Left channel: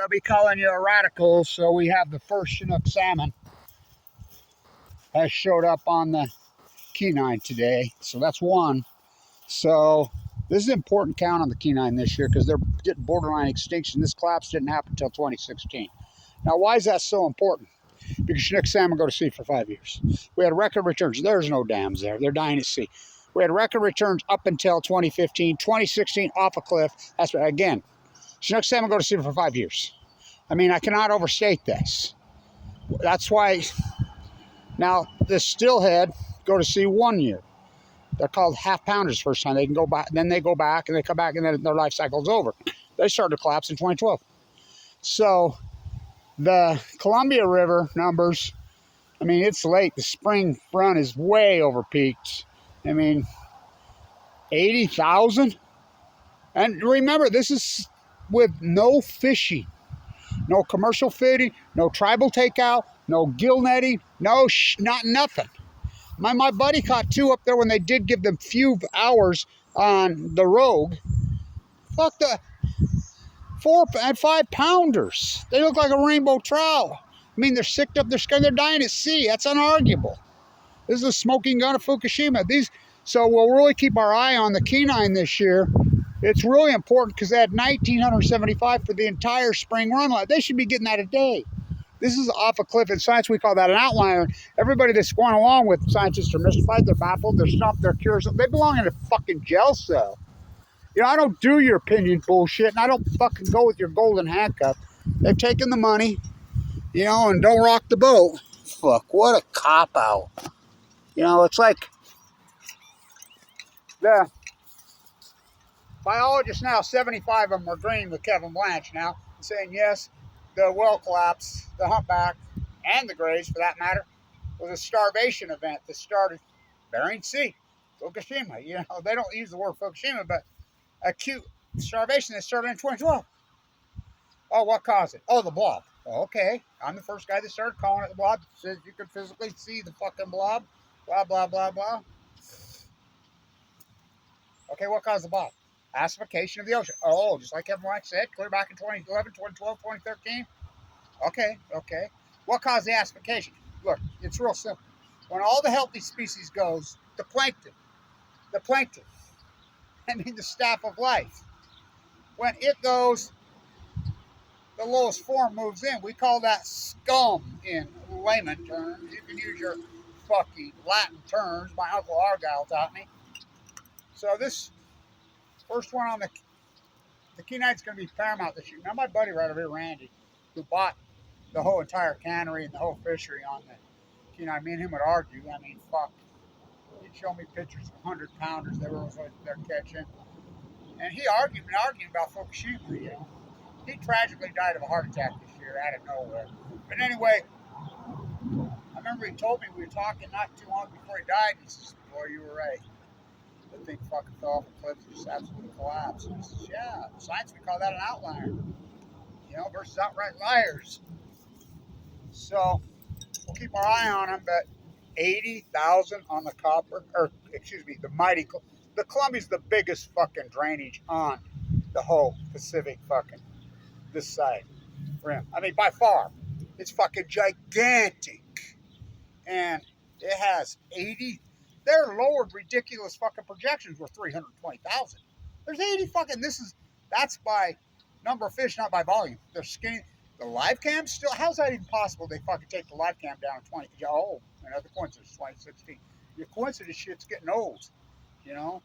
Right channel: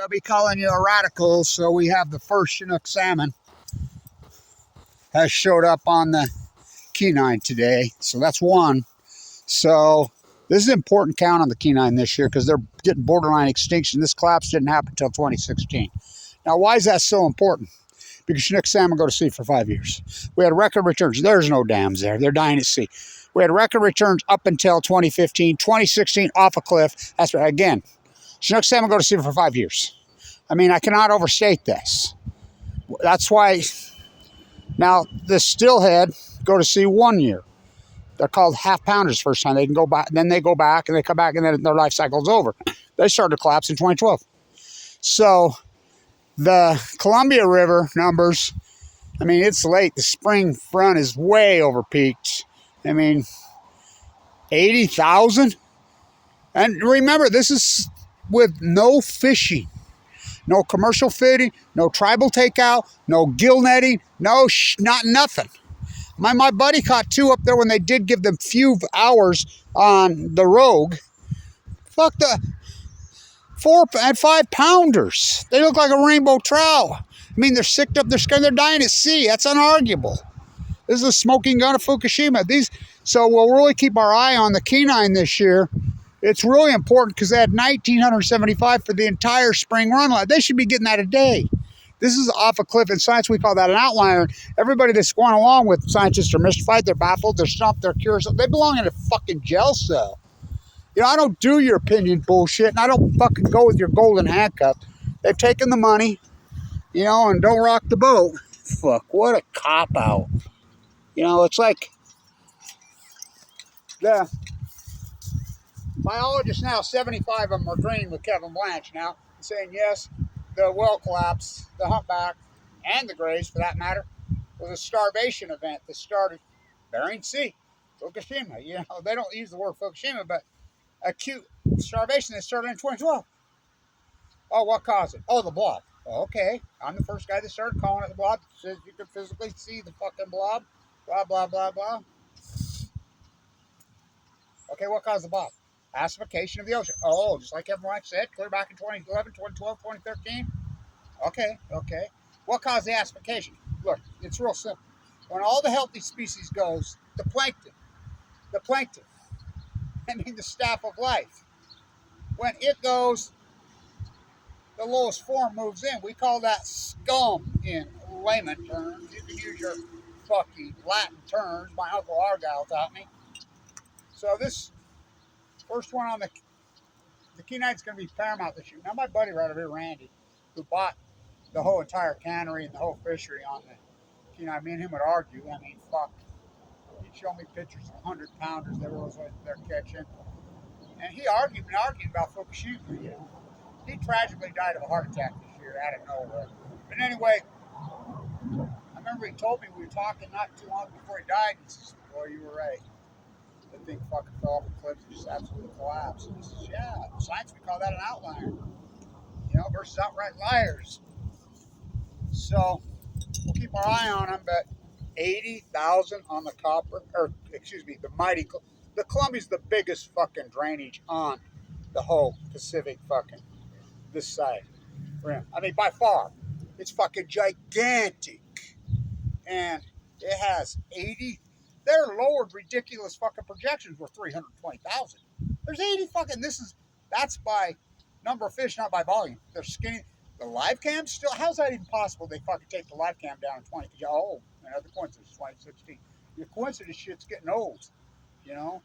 they'll be calling you a radical. So we have the first Chinook salmon has showed up on the Kenai today. So that's one. So this is an important count on the Kenai this year because they're getting borderline extinction. This collapse didn't happen until 2016. Now, why is that so important? Because Chinook salmon go to sea for 5 years. We had record returns. There's no dams there. They're dying at sea. We had record returns up until 2015. 2016, off a cliff. That's right. Again, Chinook salmon go to sea for 5 years. I mean, I cannot overstate this. That's why now the stillhead go to sea 1 year. They're called half pounders first time. They can go back, then they go back, and they come back, and then their life cycle is over. They started to collapse in 2012. So the Columbia River numbers, I mean, it's late. The spring front is way over peaked. I mean, 80,000. And remember, this is with no fishing, no commercial fishing, no tribal takeout, no gill netting, not nothing. My buddy caught 2 up there when they did give them few hours on the Rogue. Fuck, the 4 and 5 pounders. They look like a rainbow trout. I mean, they're sicked up, they're scared, they're dying at sea. That's unarguable. This is a smoking gun of Fukushima. So we'll really keep our eye on the Kenai this year. It's really important because they had 1,975 for the entire spring run. They should be getting that a day. This is off a cliff. In science, we call that an outlier. Everybody that's going along with scientists are mystified, they're baffled, they're stumped, they're curious. They belong in a fucking jail cell. You know, I don't do your opinion bullshit, and I don't fucking go with your golden handcuff. They've taken the money, you know, and don't rock the boat. Fuck, what a cop-out. You know, it's like the biologists now, 75 of them are agreeing with Kevin Blanche now, saying yes, the well collapse, the humpback, and the grays for that matter, was a starvation event that started Bering Sea, Fukushima. You know, they don't use the word Fukushima, but acute starvation that started in 2012. Oh, what caused it? Oh, the blob. Oh, okay, I'm the first guy that started calling it the blob. Says you can physically see the fucking blob. Blah, blah, blah, blah. Okay, what caused the blob? Acidification of the ocean. Oh, just like Kevin White said, clear back in 2011, 2012, 2013. Okay. What caused the acidification? Look, it's real simple. When all the healthy species goes, the plankton, I mean the staff of life, when it goes, the lowest form moves in. We call that scum in layman terms. You can use your fucking Latin terms. My Uncle Argyle taught me. So this first one on the Kenai's going to be paramount this year. Now my buddy right over here, Randy, who bought the whole entire cannery and the whole fishery on the Kenai, me and him would argue. I mean, fuck. He'd show me pictures of 100-pounders they're catching. And he argued about Fukushima, you know. He tragically died of a heart attack this year out of nowhere. But anyway, I remember he told me, we were talking not too long before he died, and he says, boy, you were right. The thing fucking fell off a cliff and just absolutely collapsed. And he says, yeah, science, we call that an outlier. You know, versus outright liars. So we'll keep our eye on them, but 80,000 on the the mighty, the Columbia's the biggest fucking drainage on the whole Pacific fucking, this side rim. I mean, by far, it's fucking gigantic. And it has 80, their lowered ridiculous fucking projections were 320,000. There's 80 fucking, that's by number of fish, not by volume. They're skinny. The live cam still, how's that even possible? They fucking take the live cam down in 20. Oh, another coincidence, 2016. Your coincidence shit's getting old, you know?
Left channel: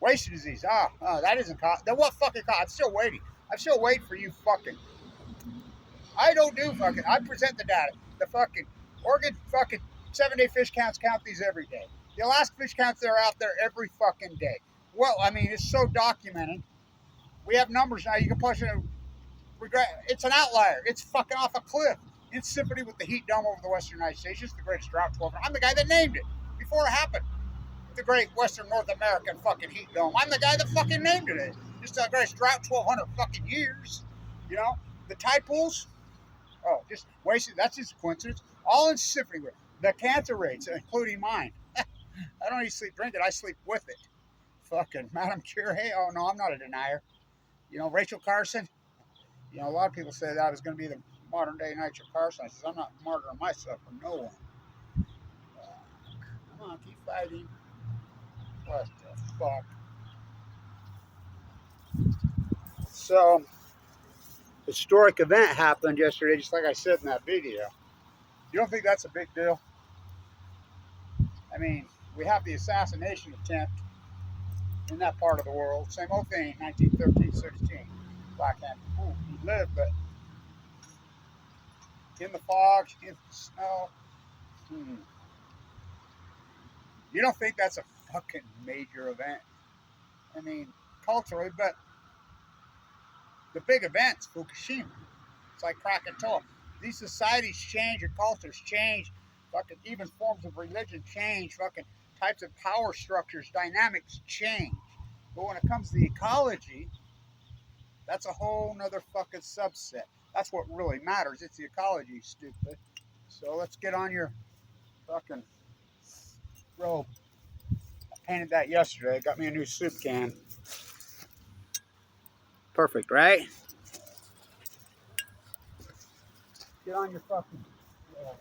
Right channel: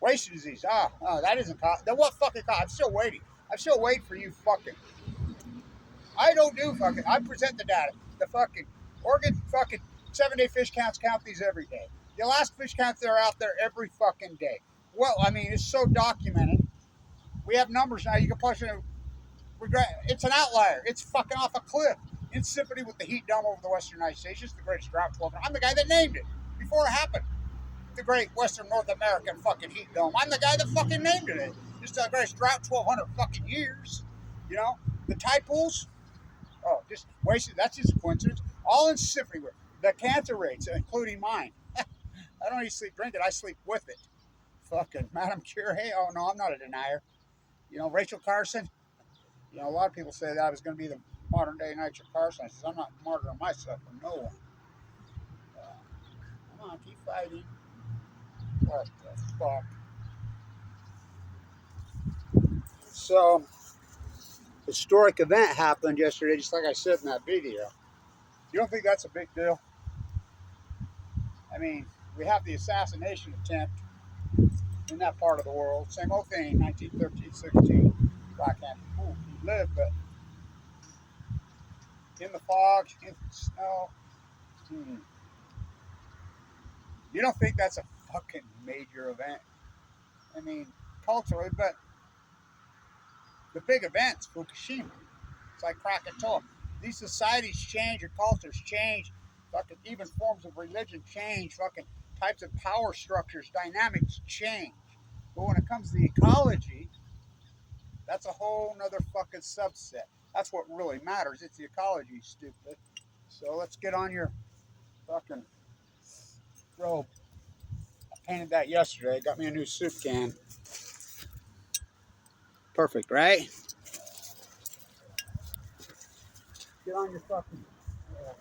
Wasting disease. That isn't caught. Then what fucking caught? I'm still waiting. For you fucking. I don't do fucking. I present the data. The fucking Oregon fucking 7-day fish counts count these every day. The Alaska fish counts, they're out there every fucking day. Well, I mean, it's so documented. We have numbers now. You can push it. It's an outlier. It's fucking off a cliff in sympathy with the heat dome over the western United States. It's the greatest drought 12. I'm the guy that named it before it happened. The great western North American fucking heat dome. I'm the guy that fucking named it. Just the greatest drought 1,200 fucking years. You know, the tide pools. Oh, just wasted. That's just a coincidence. All in sympathy with the cancer rates, including mine. I don't even sleep drink it. I sleep with it. Fucking Madame Curie. Oh no, I'm not a denier. You know, Rachel Carson. You know, a lot of people say that I was going to be the modern day Nitro Carson. I says, I'm not martyring myself for no one. Come on, keep fighting. What the fuck? So, historic event happened yesterday, just like I said in that video. You don't think that's a big deal? I mean, we have the assassination attempt in that part of the world. Same old thing, 1913, 16. Black Panther. Ooh, he lived, but in the fog, in the snow. You don't think that's a fucking major event? I mean, culturally, but the big events, Fukushima. It's like Krakatoa. These societies change, your cultures change, fucking even forms of religion change, fucking types of power structures, dynamics change. But when it comes to the ecology, that's a whole nother fucking subset. That's what really matters. It's the ecology, stupid. So let's get on your fucking robe. I painted that yesterday. Got me a new soup can. Perfect, right? Get on your fucking robe.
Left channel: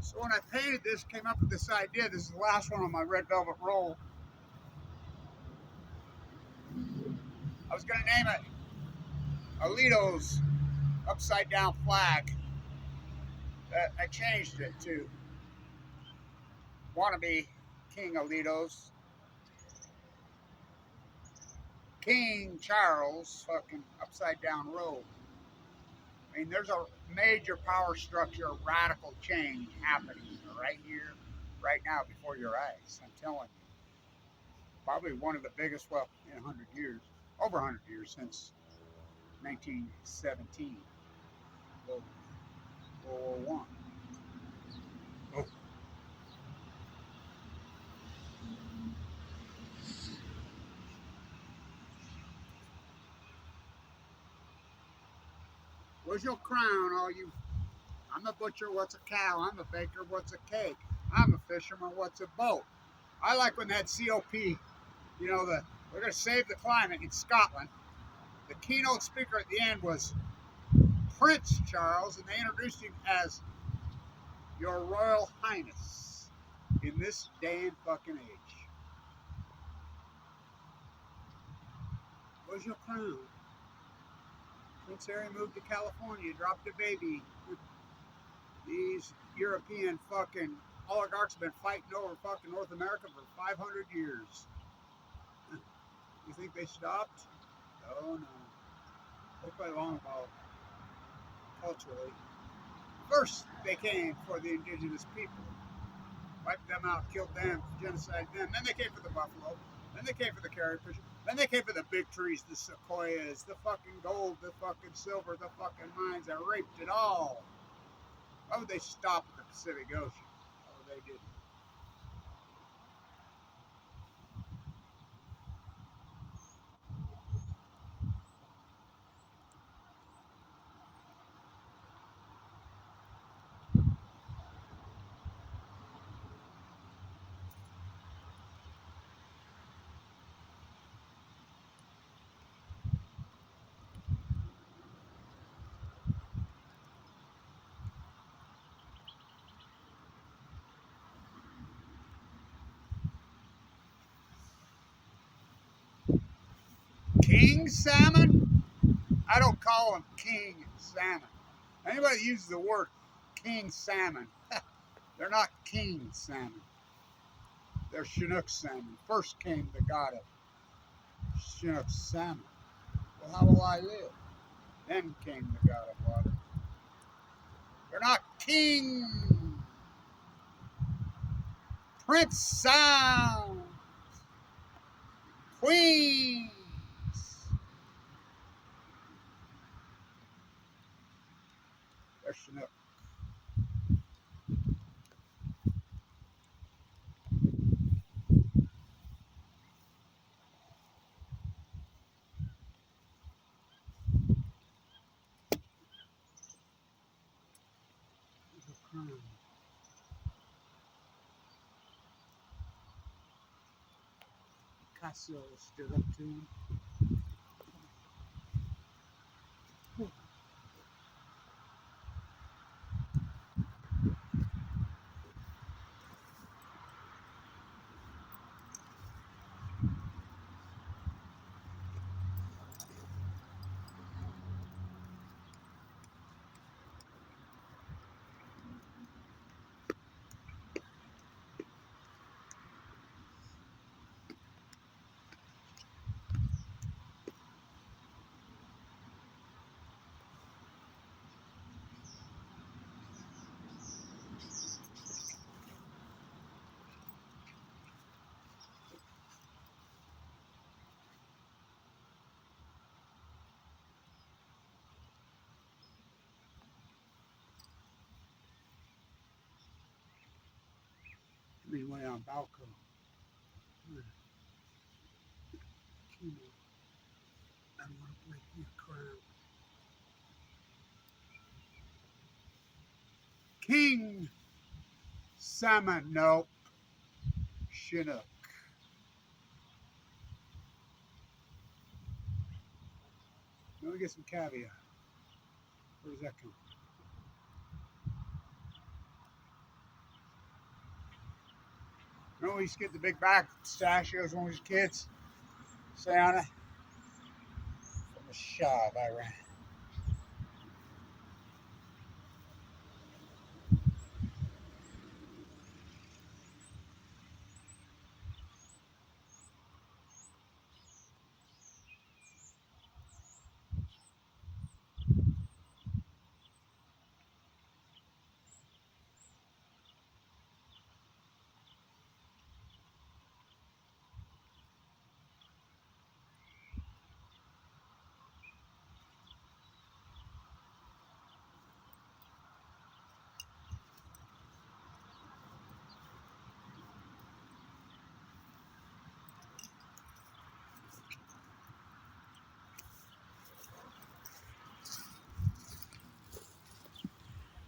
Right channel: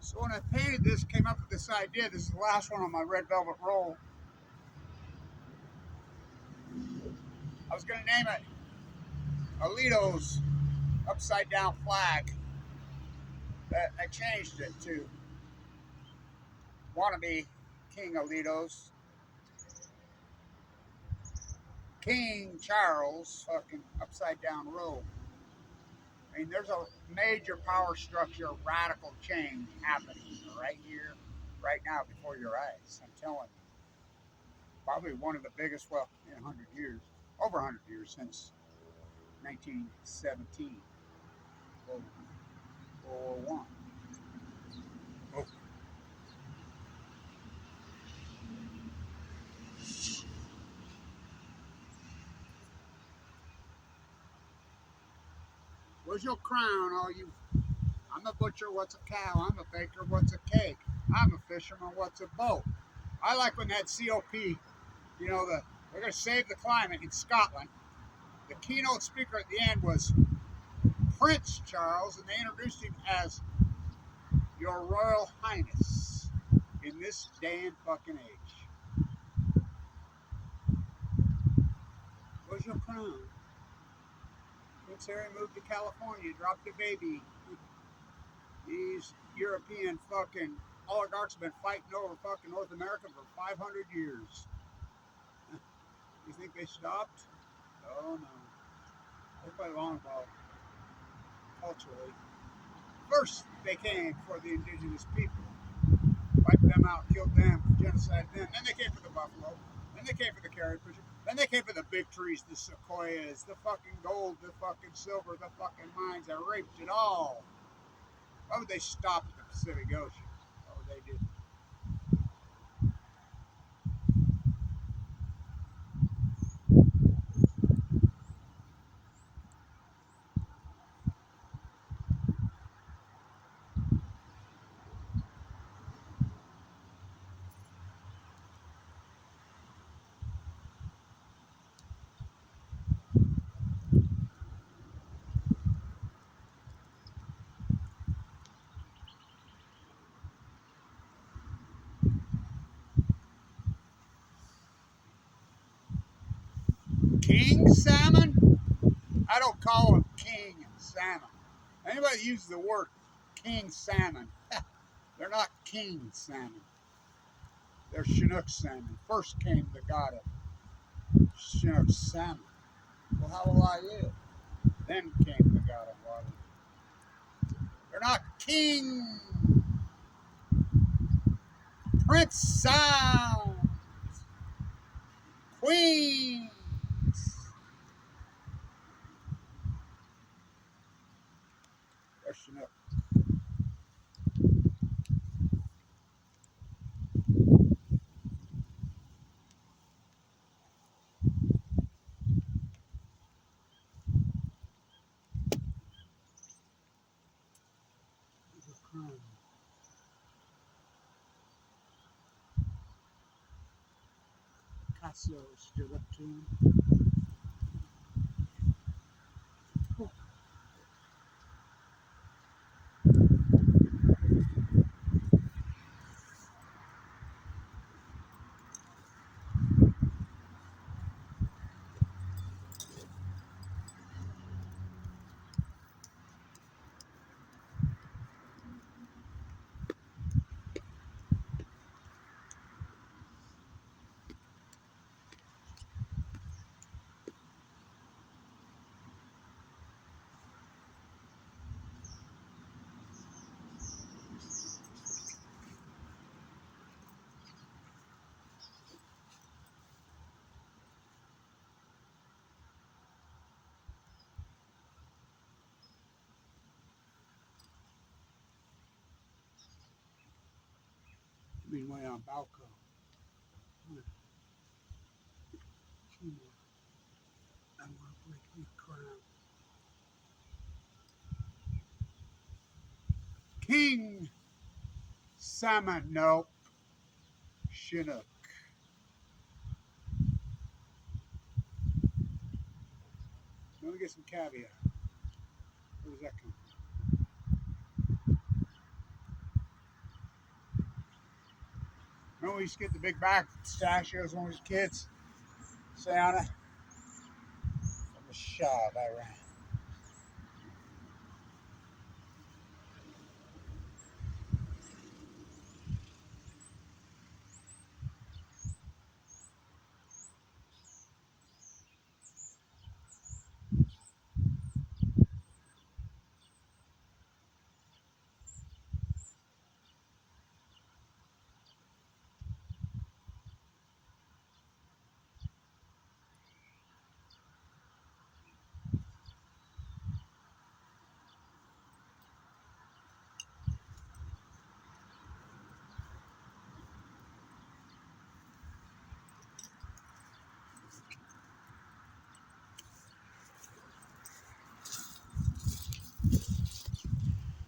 So when I painted this, came up with this idea. This is the last one on my red velvet roll. I was going to name it Alito's upside down flag. But I changed it to wannabe King Alito's King Charles fucking upside down robe. I mean, there's a major power structure, radical change happening right here, right now before your eyes. I'm telling you. Probably one of the biggest, well, in 100 years, over 100 years since 1917, World War One. Oh. Where's your crown, all you? I'm a butcher, what's a cow? I'm a baker, what's a cake? I'm a fisherman, what's a boat? I like when that COP, we're going to save the climate in Scotland. The keynote speaker at the end was Prince Charles, and they introduced him as Your Royal Highness in this day and fucking age. Where's your crown? Prince Harry moved to California, dropped a baby. These European fucking oligarchs have been fighting over fucking North America for 500 years. You think they stopped? Oh no. They play long ball culturally. First, they came for the indigenous people, wiped them out, killed them, genocided them. Then they came for the buffalo. Then they came for the carrier pigeon. Then they came for the big trees, the sequoias, the fucking gold, the fucking silver, the fucking mines. They raped it all. Why would they stop at the Pacific Ocean? Oh, they didn't. King salmon? I don't call them king salmon. Anybody that uses the word king salmon, they're not king salmon. They're Chinook salmon. First came the god of Chinook salmon. Well, how will I live? Then came the god of water. They're not king. Prince sounds. Queens. There's CHINOOK. There's a crown. Picasso stood up to him. Meanwhile, on Balco. I don't want to break your crown. King Salmon. Nope. CHINOOK. Let me get some caviar. Where does that come from? Remember we used to get the big back pistachios when we was kids? Say on it. From the Shah of Iran.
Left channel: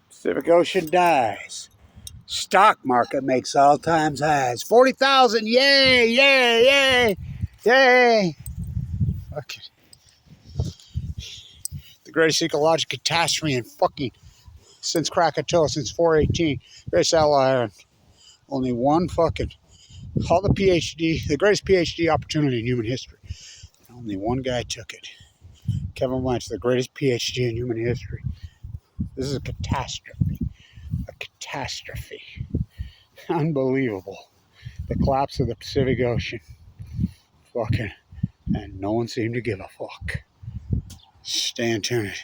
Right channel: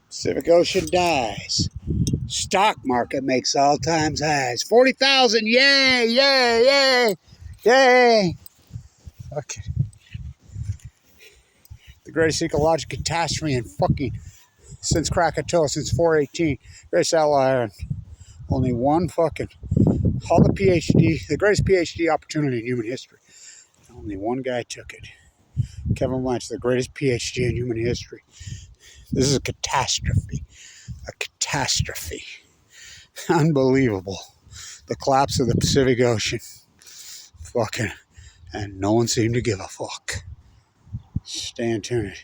Pacific Ocean dies. Stock market makes all-time highs. 40,000. Yay, yay, yay, yay. Okay. The greatest ecological catastrophe in fucking since Krakatoa, since 418. Greatest outlier. Only one fucking, all the PhD, the greatest PhD opportunity in human history. Only one guy took it. Kevin Lynch, the greatest PhD in human history. This is a catastrophe. A catastrophe. Unbelievable. The collapse of the Pacific Ocean. Fucking, and no one seemed to give a fuck. Stan Turner.